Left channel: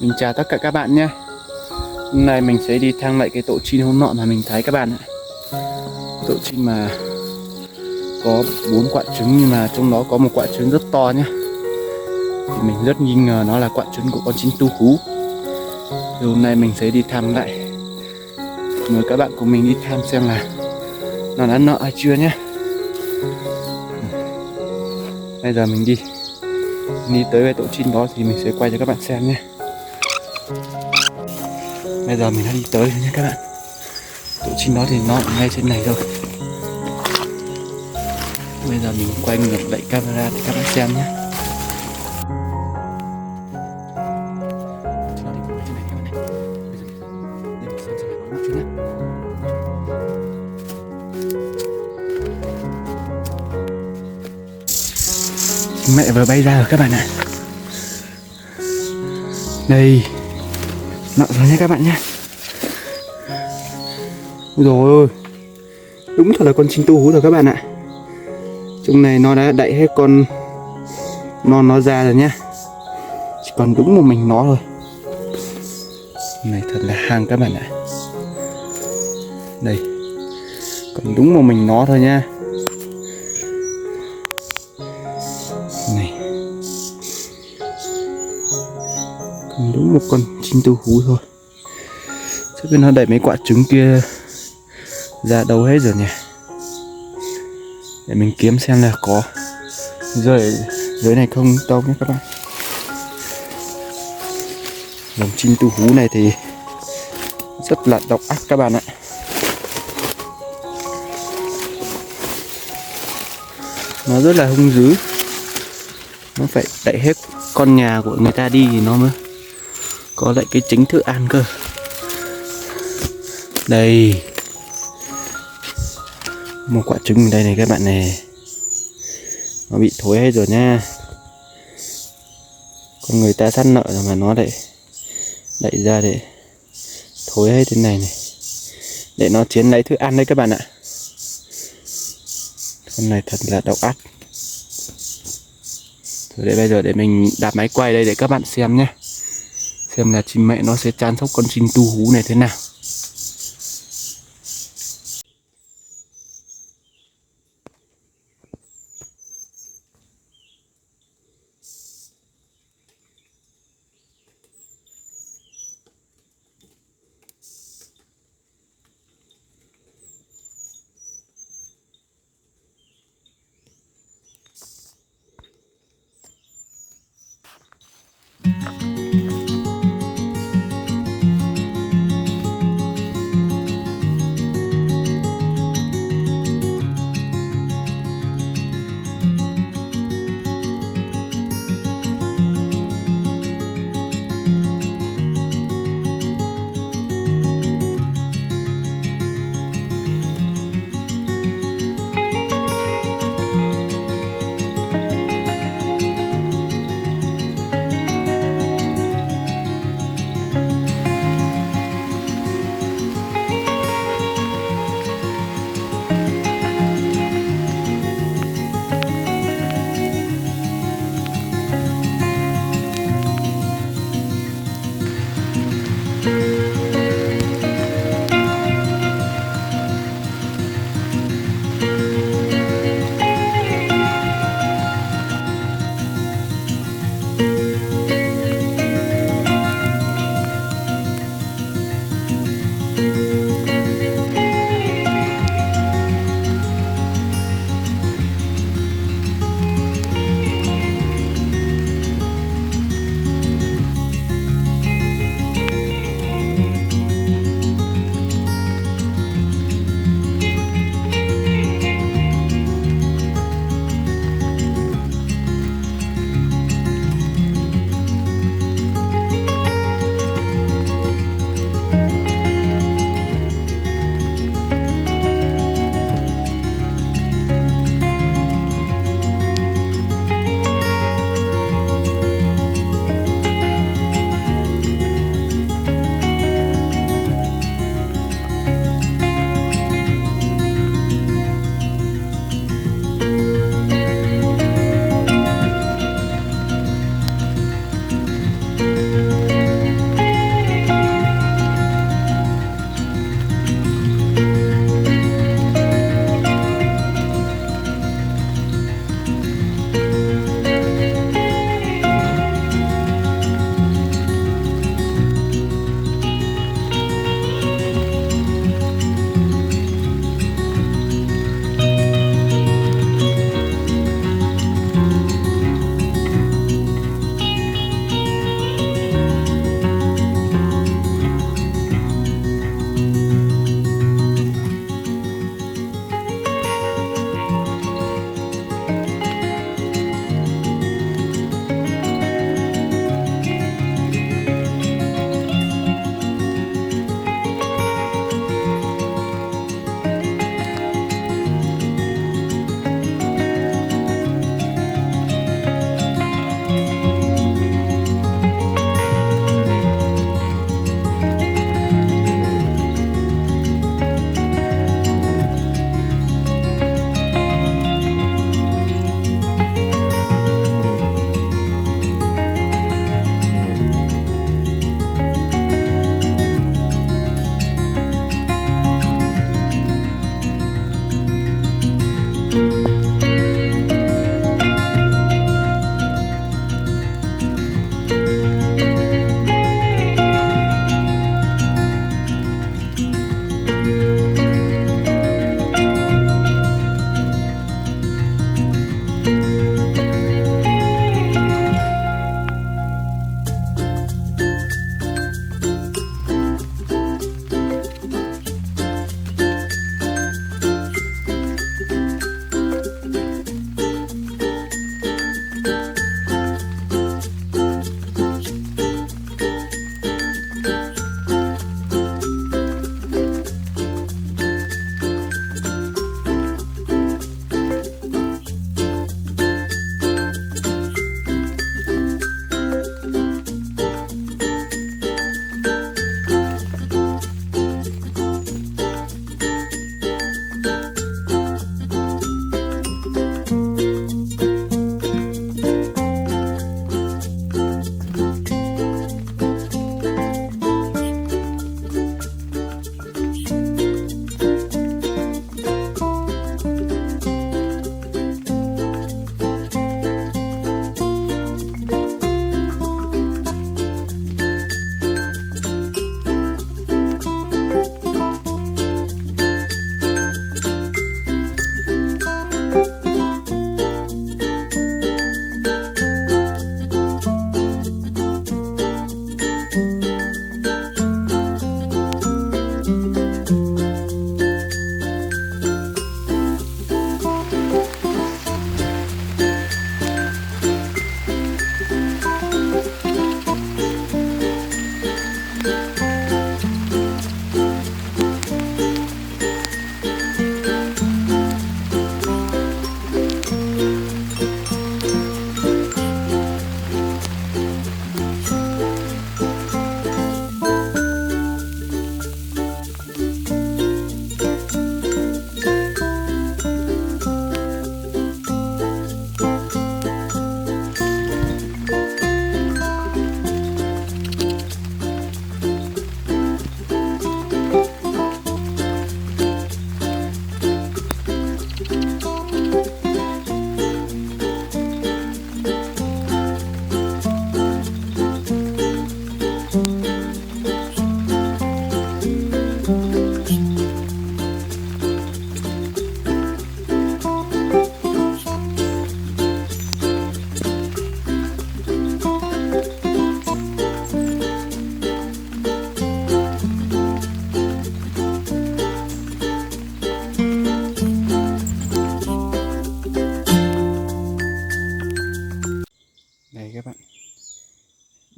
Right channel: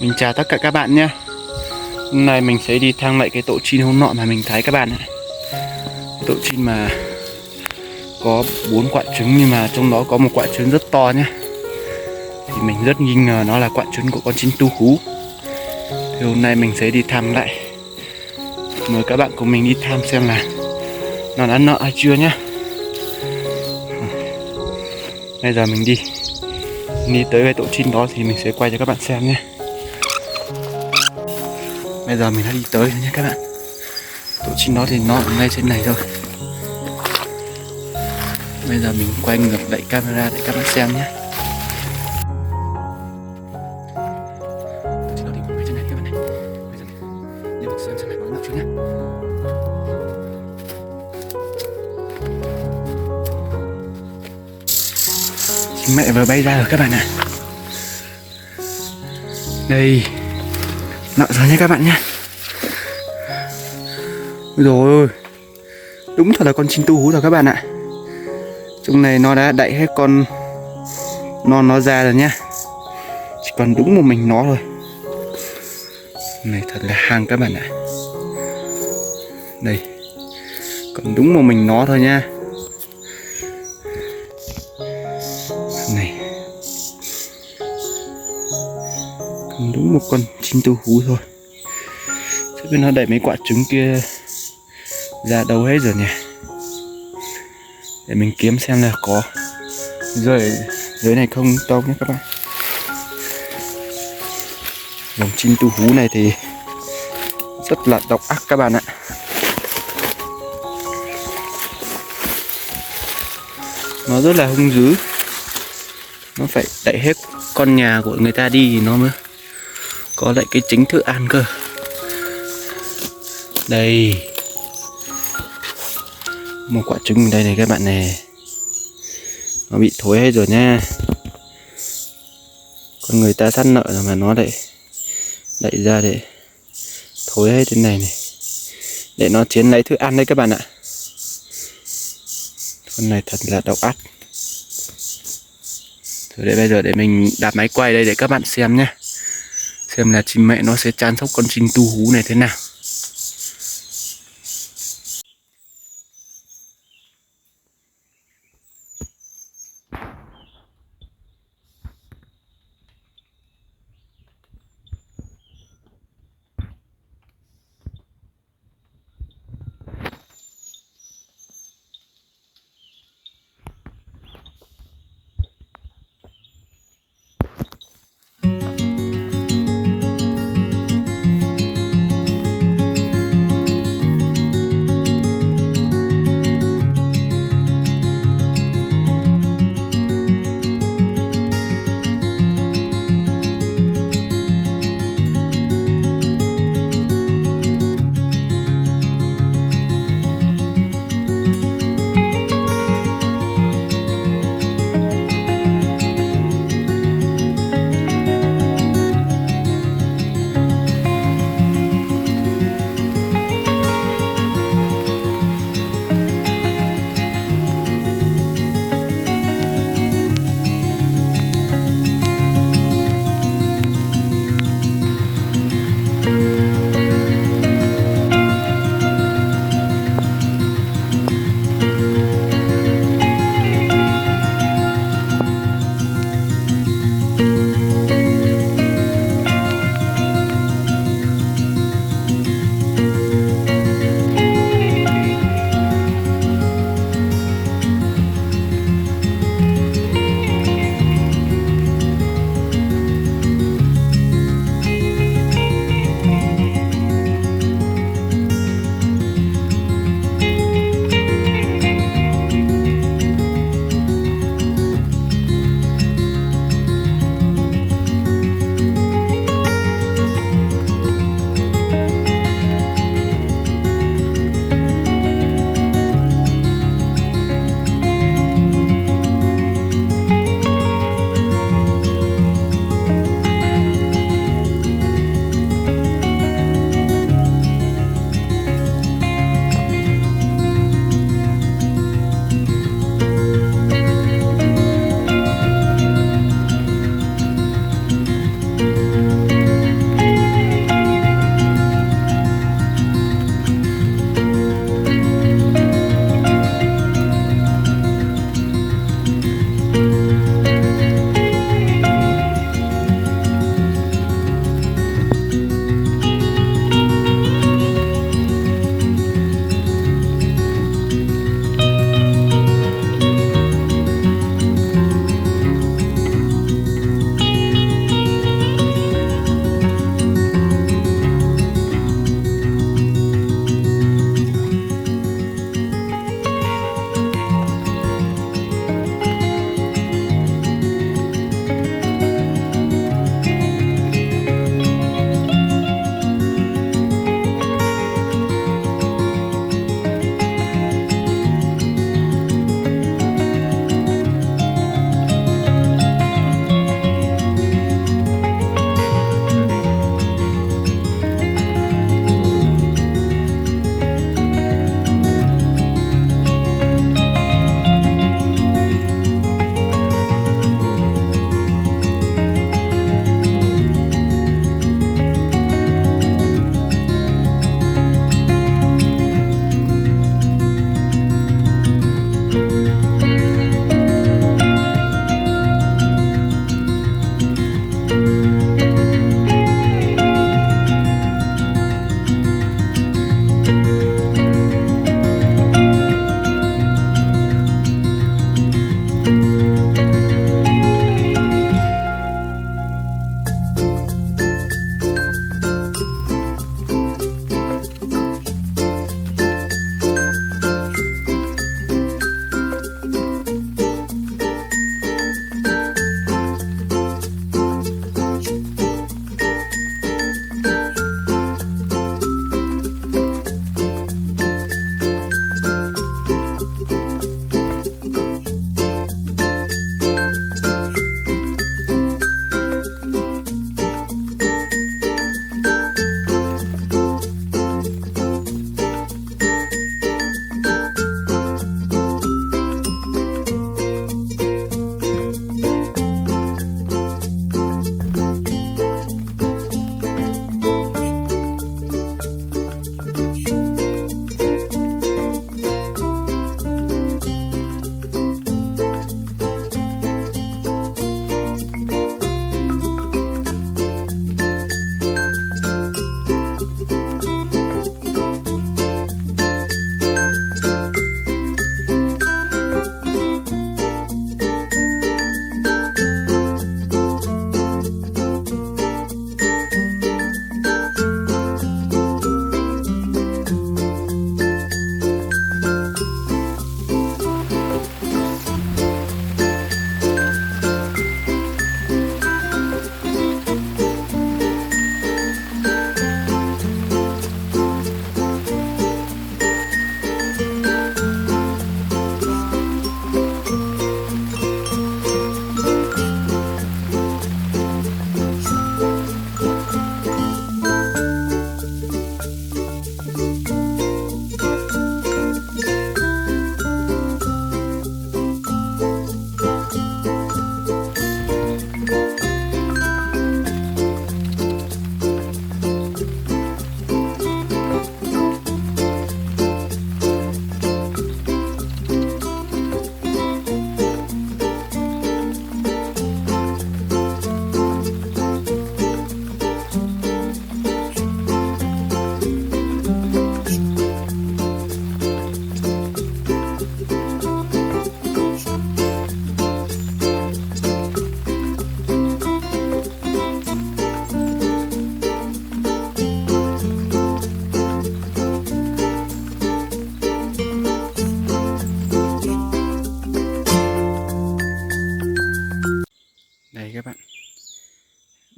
Mình chào tất cả các bạn nhé. Hôm nay mình sẽ đi thăm lại cái tổ chim hôm nọ mà mình thấy các bạn ạ. Tổ chim mà có 4 quả trứng nhưng mà trong đó có một quả trứng rất to nhé. Thì mình rất nghi ngờ nó là quả trứng của con chim tu hú. Thì hôm nay mình sẽ đi thăm lại. Mời các bạn cùng mình đi thăm xem là nó đã nợ hay chưa nhé. Bây giờ mình đi tới cái tổ chim đó thì mình sẽ quay cho các bạn xem nhé. Bây giờ mình đã đi tới rồi nhé các bạn. Tổ chim đó thì nó ở ngay trên này rồi. Bây giờ mình quay ngược lại camera để các bạn xem nhé. Tổ chim đó thì ngay trên này các bạn này. Bây giờ mình xem là có một chút nhé. Chim mẹ vừa bay ra rồi các bạn ạ. Đây, nợ rồi nhé các bạn nhé. Rồi, đúng thật là con chim tu hú rồi các bạn ạ. Trong này nó đã đậy hết con non nó ra rồi nhá. Chỉ còn đúng một mình nó thôi. Này thật là hàng các bạn ạ. Đây, còn đúng một mình nó thôi nha. Này, còn đúng một con chim tu hú thôi. Chứ biết nó đẩy mấy quả trứng kia ra đâu hết rồi nhỉ. Để mình kiếm xem là có rơi ở dưới này không đâu nhé các bạn. Dòng chim tu hú này thì rất là độc ác các bạn ạ. Nó rất là hung dữ. Nó phải đẩy hết con nhà của người ta đi thì nó mới có lại cái chính thức ăn cơ. Đây, một quả trứng ở đây này các bạn này. Nó bị thối hết rồi nha. Con người ta sát nợ rồi mà nó lại đẩy ra để thối hết thế này này. Để nó chiến lấy thức ăn đấy các bạn ạ. Con này thật là độc ác. Thôi để bây giờ để mình đạp máy quay đây để các bạn xem nhé. Xem là chim mẹ nó sẽ chăm sóc con chim tu hú này thế nào.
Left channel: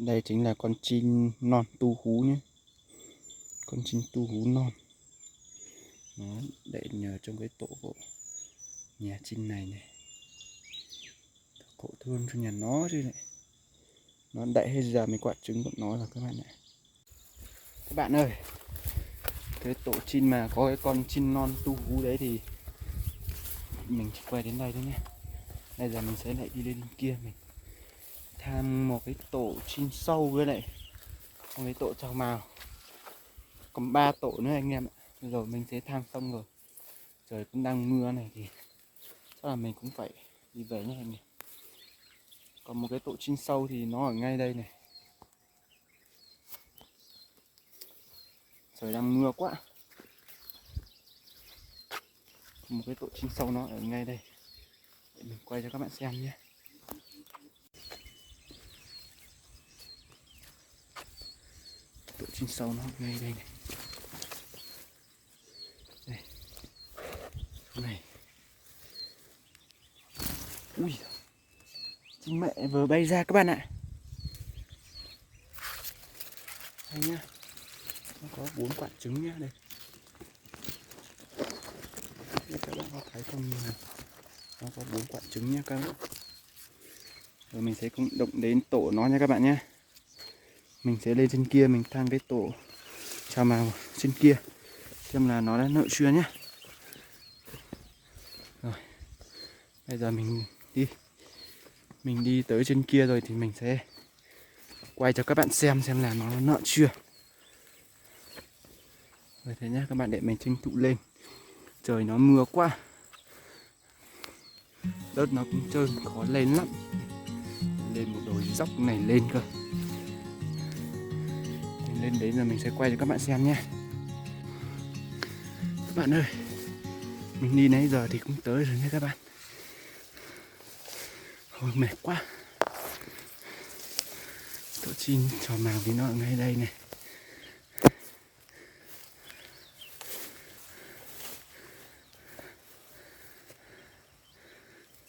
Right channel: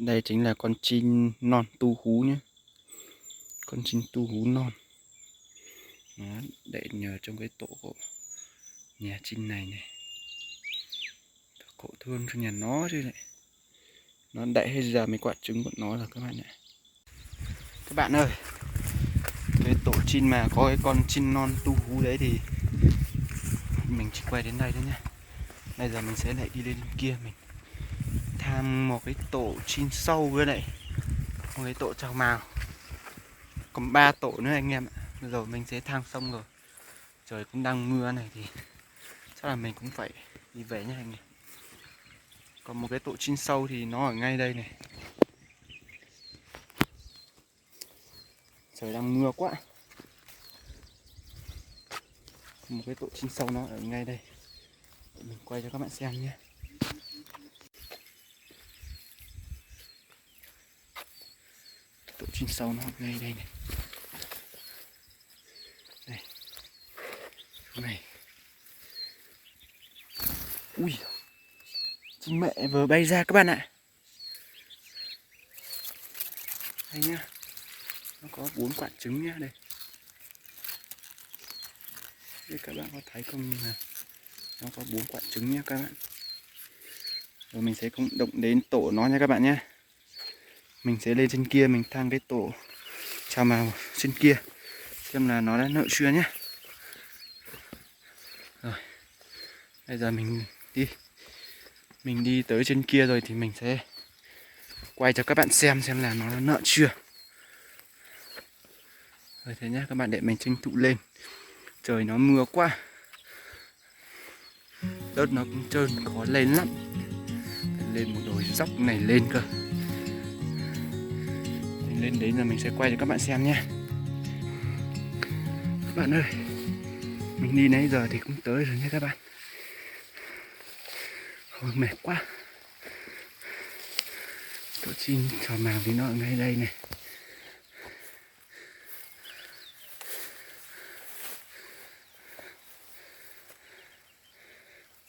Đây chính là con chim non tu hú nhé. Con chim tu hú non. Nó đẻ nhờ trong cái tổ của nhà chim này này. Cậu thương cho nhà nó chứ lại. Nó đẻ hết ra mấy quả trứng của nó rồi các bạn ạ. Các bạn ơi, cái tổ chim mà có cái con chim non tu hú đấy thì mình chỉ quay đến đây thôi nhé. Bây giờ mình sẽ lại đi lên kia mình tham một cái tổ chim sâu với lại một cái tổ trào mào. Còn 3 tổ nữa anh em ạ. Rồi mình sẽ thang xong rồi. Trời cũng đang mưa này thì chắc là mình cũng phải đi về nhé anh em. Còn một cái tổ chim sâu thì nó ở ngay đây này. Trời đang mưa quá. Một cái tổ chim sâu nó ở ngay đây. Để mình quay cho các bạn xem nhé. Tổ chim sâu nó ngay đây này. Đây. Này. Ui. Chim mẹ vừa bay ra các bạn ạ. Đây nhá. Nó có 4 quả trứng nhá đây. Đây các bạn có thấy không, nhưng mà nó có 4 quả trứng nhá các bạn. Rồi mình sẽ cũng động đến tổ nó nha các bạn nhé. Mình sẽ lên trên kia mình thang cái tổ trào mào trên kia xem là nó đã nở chưa nhé. Rồi bây giờ mình đi tới trên kia rồi thì mình sẽ quay cho các bạn xem là nó đã nở chưa. Rồi thế nhá các bạn, để mình tranh thủ lên. Trời nó mưa quá, đất nó cũng trơn khó lên lắm. Phải lên một đồi dốc này lên cơ. Mình lên đấy rồi mình sẽ quay cho các bạn xem nhé. Các bạn ơi, mình đi nãy giờ thì cũng tới rồi nhé các bạn. Ôi mệt quá. Tổ chim trò mào thì nó ở ngay đây này.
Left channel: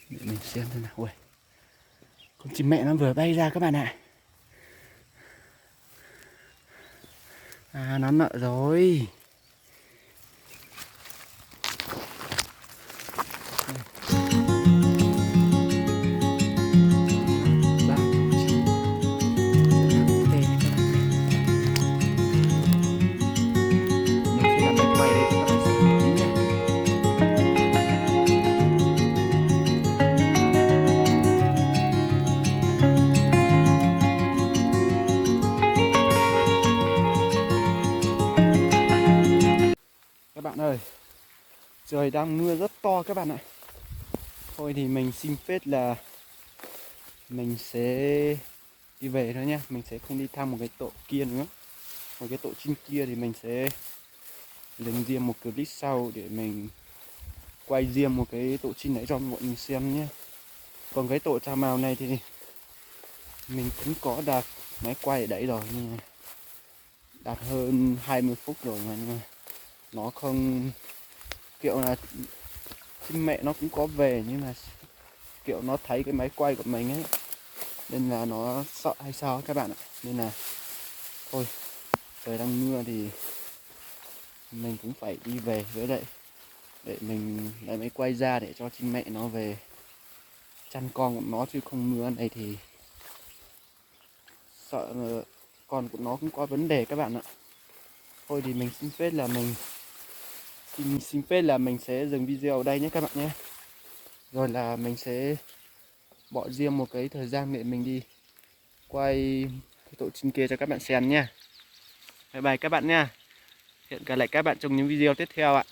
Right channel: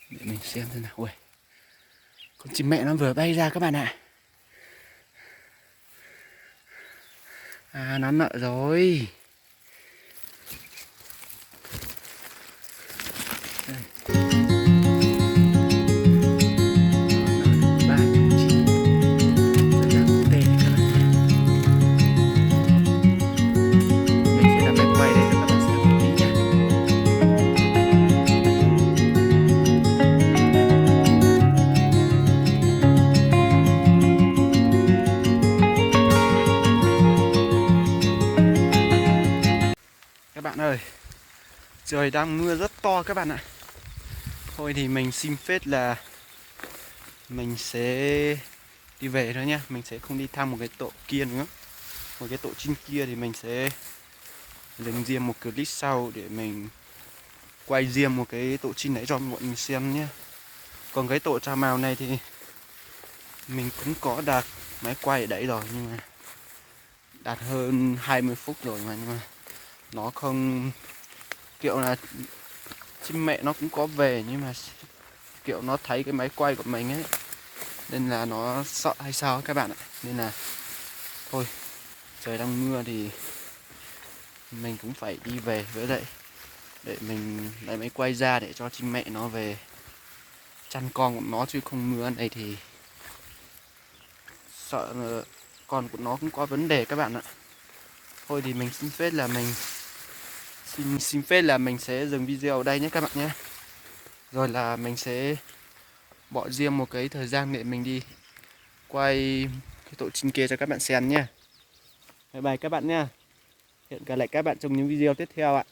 Để mình xem thế nào. Ui, con chim mẹ nó vừa bay ra các bạn ạ. À nó nở rồi. Các bạn ơi, trời đang mưa rất to các bạn ạ. Thôi thì mình xin phép là mình sẽ đi về thôi nhá. Mình sẽ không đi thăm một cái tổ kia nữa. Một cái tổ chim kia thì mình sẽ dành riêng một clip sau để mình quay riêng một cái tổ chim đấy cho mọi người xem nhé. Còn cái tổ trà mào này thì mình cũng có đặt máy quay ở đấy rồi, nhưng mà đặt hơn 20 phút rồi mà, nhưng mà nó không, kiểu là chim mẹ nó cũng có về nhưng mà kiểu nó thấy cái máy quay của mình ấy nên là nó sợ hay sao các bạn ạ. Nên là thôi, trời đang mưa thì mình cũng phải đi về, với lại để mình lấy máy quay ra để cho chim mẹ nó về chăn con của nó, chứ không mưa này thì sợ là con của nó cũng có vấn đề các bạn ạ. Thôi thì mình xin phép là xin phép là mình sẽ dừng video ở đây nhé các bạn nhé. Rồi là mình sẽ bỏ riêng một cái thời gian để mình đi quay cái tổ chim kia cho các bạn xem nhé. Bye bye các bạn nha. Hẹn gặp lại các bạn trong những video tiếp theo ạ.